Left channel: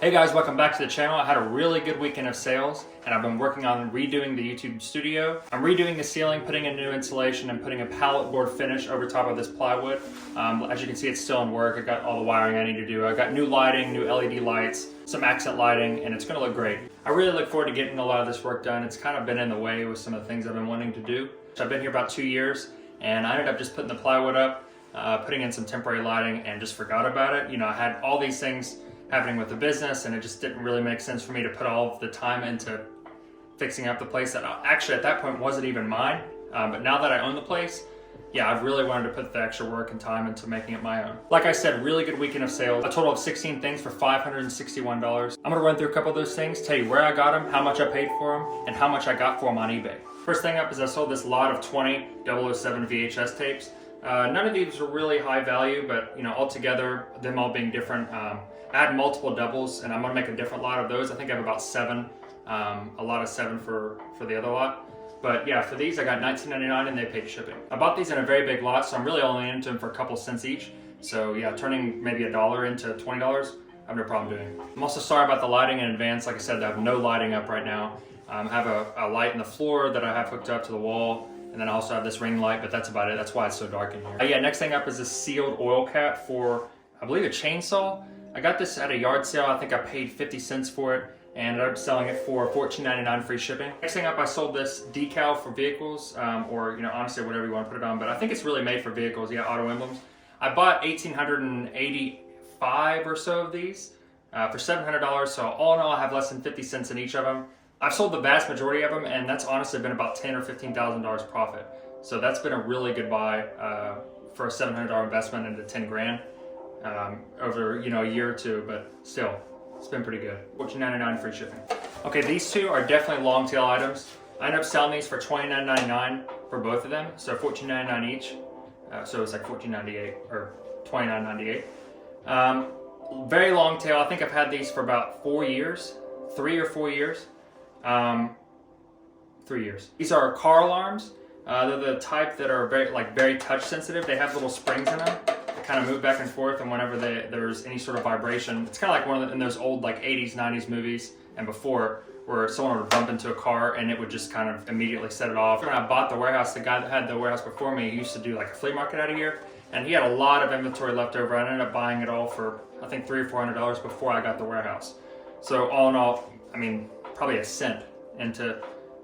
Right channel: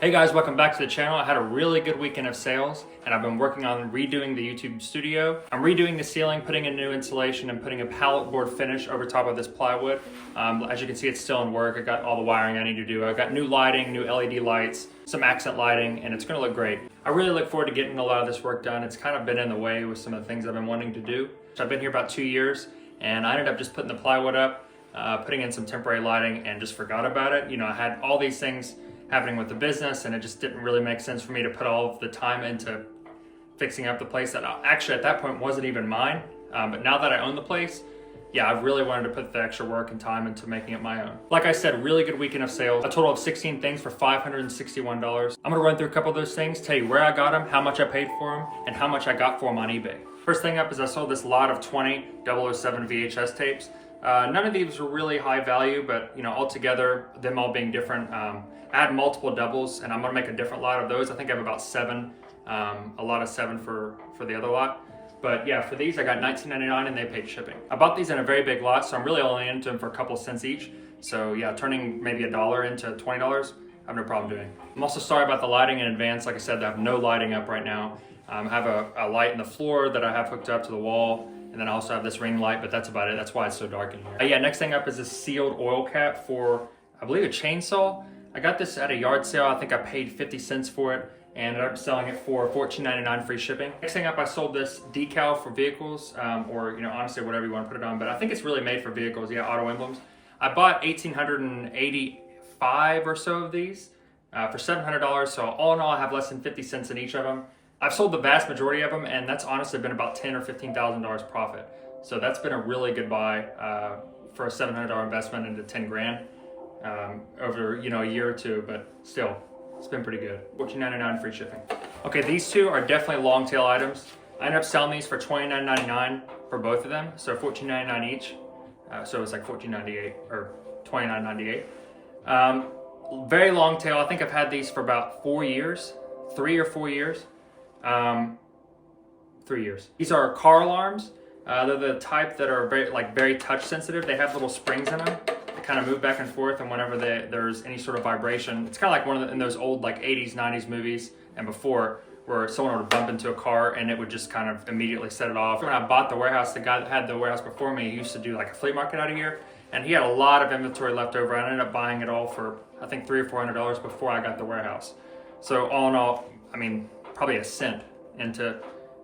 Hey guys, welcome back to the channel. I had a really good weekend of sales and I've been working on redoing the YouTube studio. I'm redoing the ceiling, putting in new insulation and putting a pallet board finish over top of this plywood. As you can see, it's still in work. I got all the wiring I need to do. I got new lighting, new LED lights, some accent lighting, and it's gonna look great. I really look forward to getting a lot of this work done. It's kind of been in the way with some of the things I've been wanting to do. So I've been here about 2 years and I ended up just putting the plywood up, putting in some temporary lighting and just forgot about it. You know, I had all these things happening with the business and it just didn't really make sense for me to put all of the time into fixing up the place that actually at that point wasn't even mine. But now that I own the place, yeah, I really wanted to put the extra work and time into making it my own. Like I said, really good weekend of sales. A total of 16 things for $561. I'm gonna run through a couple of those things, tell you where I got them, how much I paid for them, and how much I got for them on eBay. First thing up is I sold this lot of 20 007 VHS tapes. None of these were really high value, but you know, altogether, them all being different. I had multiple doubles and I'm gonna make a different lot of those. I think I have about 7, a lot of 7 for the other lot. But yeah, for these I got $19.99 and they paid shipping. I bought these in a very big lot, so I'm really only into them for a couple cents each. So yeah, turning maybe $1 into $20, I have no problem doing. I'm also sorry about the lighting in advance. Like I said, I have no lighting up right now. I have a light in the floor that I have hooked up to the wall. And then I also have this ring light, but that's about it. That's why it's so dark in here. Yeah, next thing up is this sealed oil cap for, I believe, a chainsaw. I got this at a yard sale. I think I paid 50 cents for it and ended up selling it for $14.99 free shipping. Next thing up, I sold this decal for vehicles, or you know, honestly, whatever you want to put it on, but I think it's really made for vehicles. Yeah, auto emblems. I bought 1,885 or so of these for $700. So all in all, I have less than 50 cents in each of them. I've sold the vast majority of them, and that's honestly been about $10,000 or $15,000 profit. So that's been a really good buy for a $700 investment into 10 grand over a year or two, but still, it's been pretty good. $14.99 free shipping. Okay, these two are definitely long tail items. I ended up selling these for $29.99 for both of them, so $14.99 each. So it's like $14.98 or $29.98. Very long tail. I think I've had these for about 4 years, 3 or 4 years. 3 years. These are car alarms. They're the type that are very touch sensitive. They have little springs in them that kind of move back and forth, and whenever there's any sort of vibration, it's kind of like one of in those old 80s, 90s movies and before, where someone would bump into a car and it would just kind of immediately set it off. When I bought the warehouse, the guy that had the warehouse before me used to do like a flea market out of here, and he had a lot of inventory left over. I ended up buying it all for I think $300 or $400 before I got the warehouse. So all in all, I mean, probably a cent into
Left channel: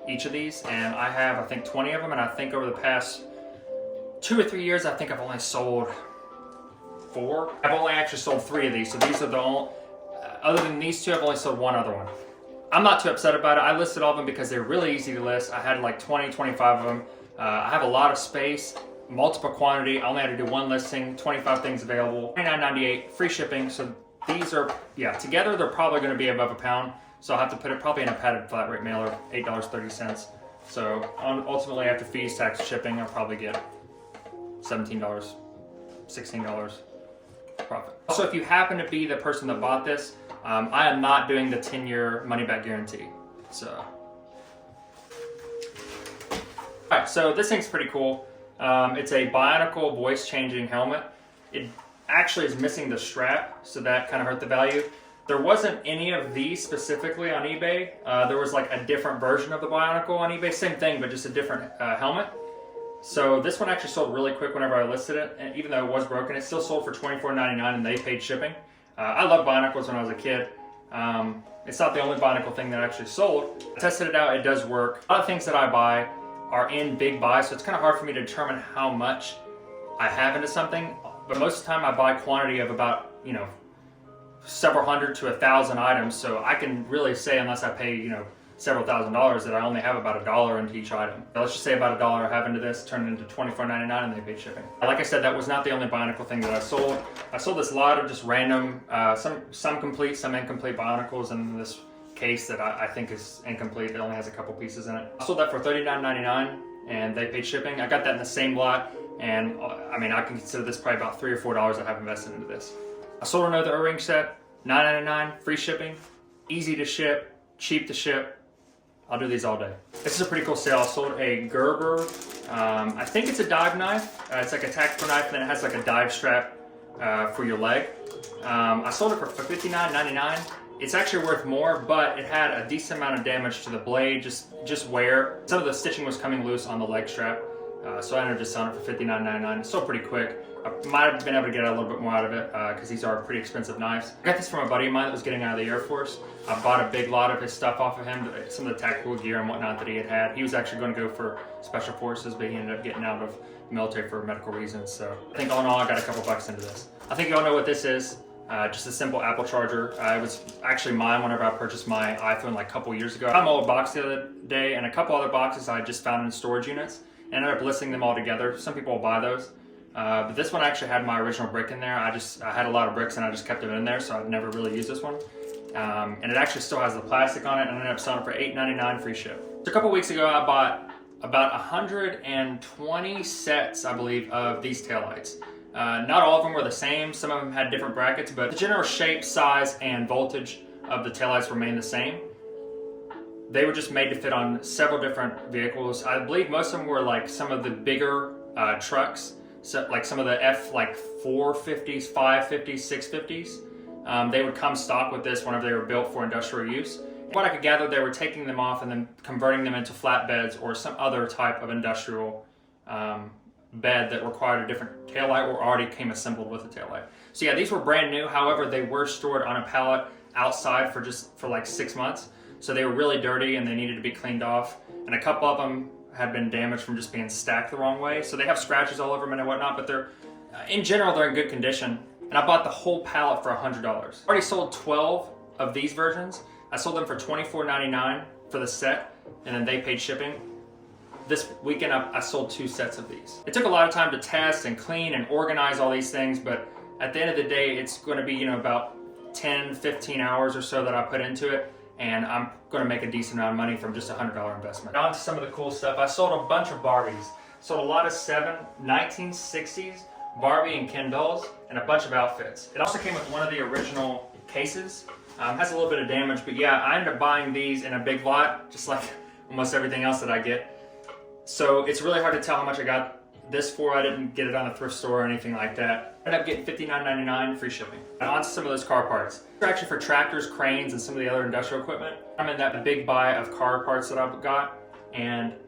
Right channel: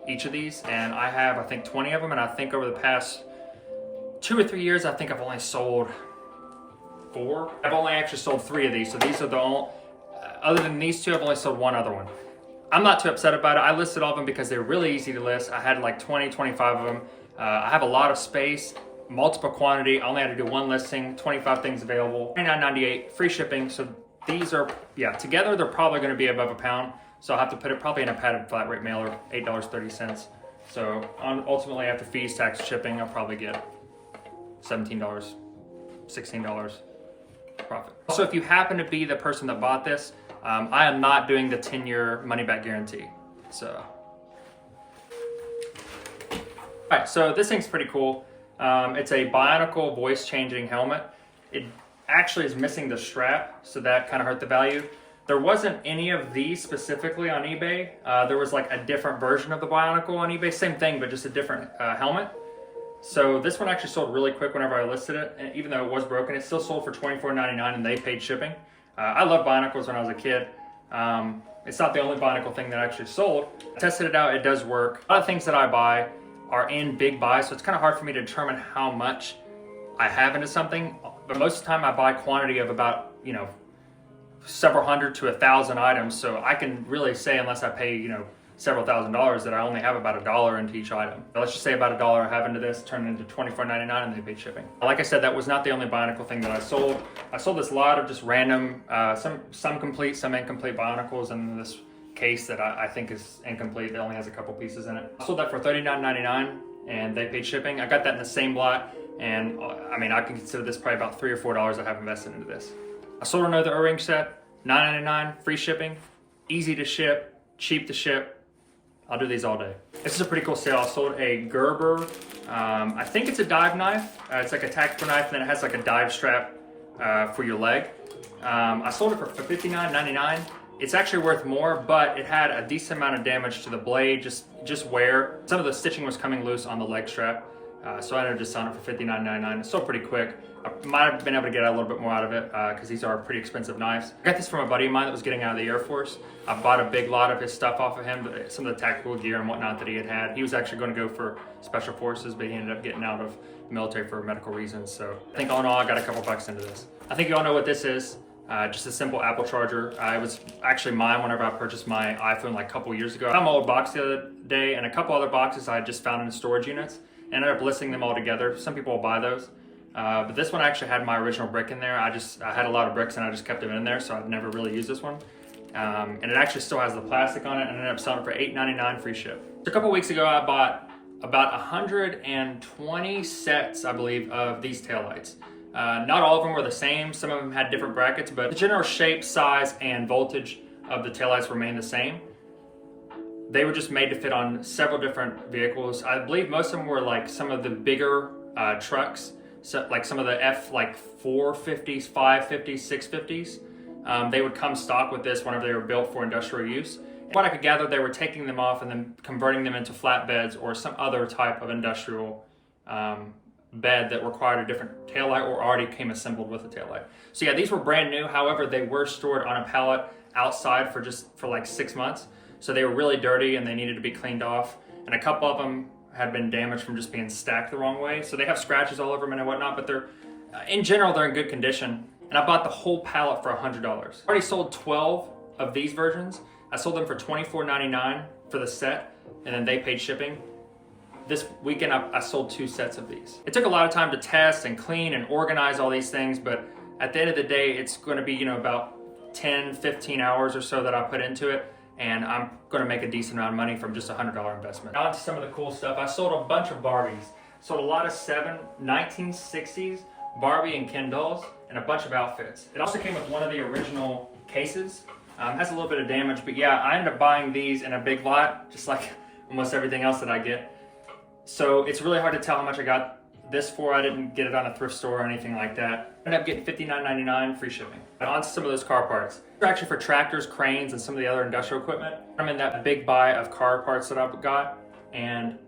each of these, and I have I think 20 of them, and I think over the past 2 or 3 years I think I've only sold 4. I've only actually sold 3 of these, so these are the only, other than these 2, I've only sold 1 other one. I'm not too upset about it. I listed all of them because they're really easy to list. I had like 20, 25 of them. I have a lot of space, multiple quantity. I only had to do 1 listing, 25 things available, $29.98 free shipping. So these are, yeah, together they're probably going to be above £1. So I'll have to put it probably in a padded flat rate mailer, $8.30. So ultimately after fees, tax, shipping, I'll probably get $17, $16 profit. Also, if you happen to be the person that bought this, I am not doing the 10-year money-back guarantee. So, all right, so this thing's pretty cool. It's a Bionicle voice-changing helmet. It actually is missing the strap, so that kind of hurt the value. There wasn't any of these specifically on eBay. There was like a different version of the Bionicle on eBay. Same thing, but just a different helmet. So this one actually sold really quick whenever I listed it. And even though it was broken, it still sold for $24.99 and they paid shipping. I loved Bionicles when I was a kid. It's not the only Bionicle thing that actually sold. I tested it out, it does work. A lot of things that I buy are in big buys, so it's kind of hard for me to determine how much I have into something. But most of the time I buy quantity of about, several hundred to 1,000 items, so I can really say, unless I pay several $1,000s, that I only have about $1 into each item. Let's just say about $1 I have into this, turn it into $24.99, and they paid shipping. Like I said, that was not the only Bionicle thing that I sold. I sold this lot of just random, some complete, some incomplete Bionicles, and this case that I think is incomplete. It only has a couple pieces in it. I sold that for $39.99, and they paid shipping. I got that in the same lot, and I mean, I can consider this probably about $3 or $4 I have invested into this. I sold another O-ring set, $9.99, free shipping, easy to ship, cheap to ship. I'll do these all day. This is a pretty cool sale. I sold a Gerber, I think it's a dive knife. It's like a tactical knife, and then it has like a dive strap for your leg. I sold it for $59.99, It's actually worth more, but it had a decent amount of damage to the blade, just wear. Some of the stitching was coming loose on the leg strap, so I ended up just selling it for $59.99. It's sold pretty quick. I might have been able to get a little bit more out of it because these are pretty expensive knives. I got this from a buddy of mine that was getting out of the Air Force. I bought a big lot of his stuff off of him, some of the tactical gear and whatnot that he had. He was actually going to go for Special Forces, but he ended up getting out of the military for medical reasons. So I think all in all, I got a couple bucks into this. I think you all know what this is. Just a simple Apple charger. It was actually mine whenever I purchased my iPhone like a couple years ago. I found my old box the other day and a couple other boxes I just found in storage units. And ended up listing them all together. Some people will buy those. But this one actually had my original brick in there. I had a lot of bricks and I just kept them in there, so I'd never really used this one. And it actually still has the plastic on it, and I ended up selling it for $8.99 free ship. So a couple weeks ago, I bought about 120 sets, I believe, of these taillights. Not all of them were the same. Some of them had different brackets, but the general shape, size, and voltage of the taillights remained the same. They were just made to fit on several different vehicles. I believe most of them were like some of the bigger trucks, so like some of the F450s, 550s, 650s. They would come stock with this whenever they were built for industrial use. And what I could gather, they were taking them off and then converting them into flatbeds or some other type of industrial bed that required a different taillight or already came assembled with a taillight. So yeah, these were brand new. However, they were stored on a pallet outside for like 6 months. So they were really dirty and they needed to be cleaned off. And a couple of them had been damaged from just being stacked the wrong way. So they have scratches all over them and whatnot, but they're, in general, they're in good condition. And I bought the whole pallet for $100. I already sold 12 of these versions. I sold them for $24.99 for the set, and then they paid shipping. This weekend, I sold 2 sets of these. It took a lot of time to test and clean and organize all these things, but at the end of the day, it's going to be, about 10, 15 hours or so that I put into it. And I'm going to make a decent amount of money from just a $100 investment. On to some of the cool stuff. I sold a bunch of Barbies. Sold a lot of 1960s Barbie and Ken dolls and a bunch of outfits. It also came with one of the original cases. Has a little bit of damage, but yeah, I ended up buying these in a big lot, just like almost everything else that I get. So it's really hard to tell how much I got this for. I didn't get it on a thrift store or anything like that. I ended up getting $59.99 free shipping. And on to some of those car parts. They're actually for tractors, cranes, and some of the other industrial equipment. I'm in that big buy of car parts that I've got. And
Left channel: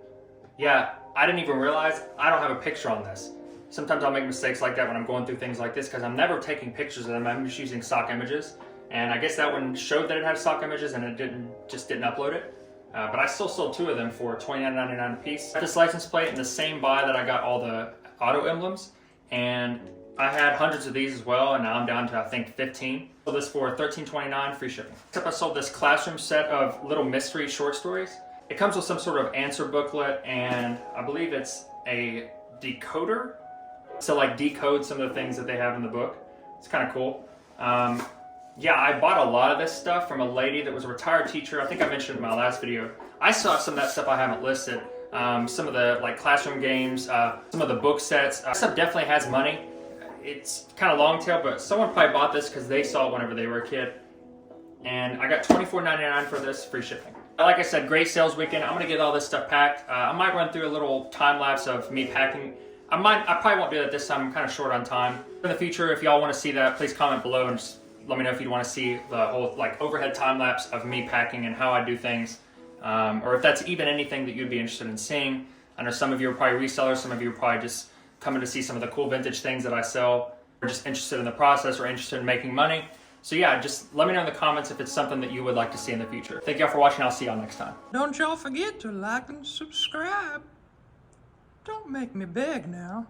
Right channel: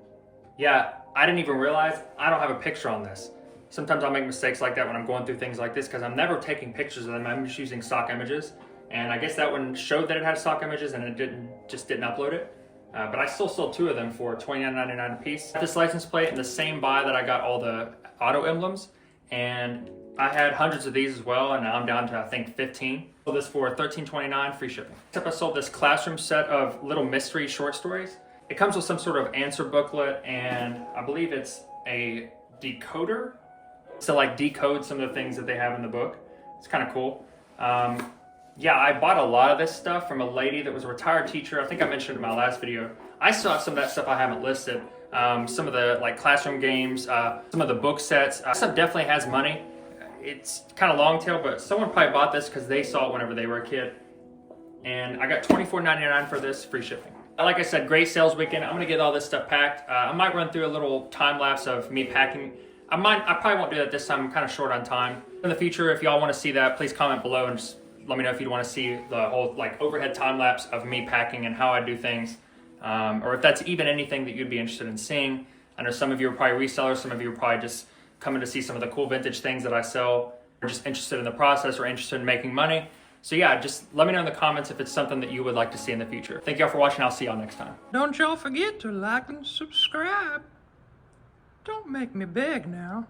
yeah, I didn't even realize I don't have a picture on this. Sometimes I'll make mistakes like that when I'm going through things like this because I'm never taking pictures of them. I'm just using stock images. And I guess that one showed that it had stock images and it didn't upload it. But I still sold 2 of them for $29.99 a piece. This license plate in the same buy that I got all the auto emblems. And I had hundreds of these as well, and now I'm down to, I think, 15. Sold this for $13.29 free shipping. Except I sold this classroom set of little mystery short stories. It comes with some sort of answer booklet, and I believe it's a decoder to like decode some of the things that they have in the book. It's kind of cool. Yeah, I bought a lot of this stuff from a lady that was a retired teacher. I think I mentioned it in my last video. I saw some of that stuff I haven't listed. Some of the like classroom games, some of the book sets. This stuff definitely has money. It's kind of long tail, but someone probably bought this because they saw it whenever they were a kid. And I got $24.99 for this, free shipping. Like I said, great sales weekend. I'm gonna get all this stuff packed. I might run through a little time lapse of me packing. I probably won't do that this time. I'm kind of short on time. In the future, if y'all want to see that, please comment below and just let me know if you'd want to see the whole like overhead time lapse of me packing and how I do things, or if that's even anything that you'd be interested in seeing. I know some of you are probably resellers, some of you are probably just coming to see some of the cool vintage things that I sell, or just interested in the process or interested in making money. So yeah, just let me know in the comments if it's something that you would like to see in the future. Thank y'all for watching. I'll see y'all next time. Don't y'all forget to like and subscribe. Don't make me beg now.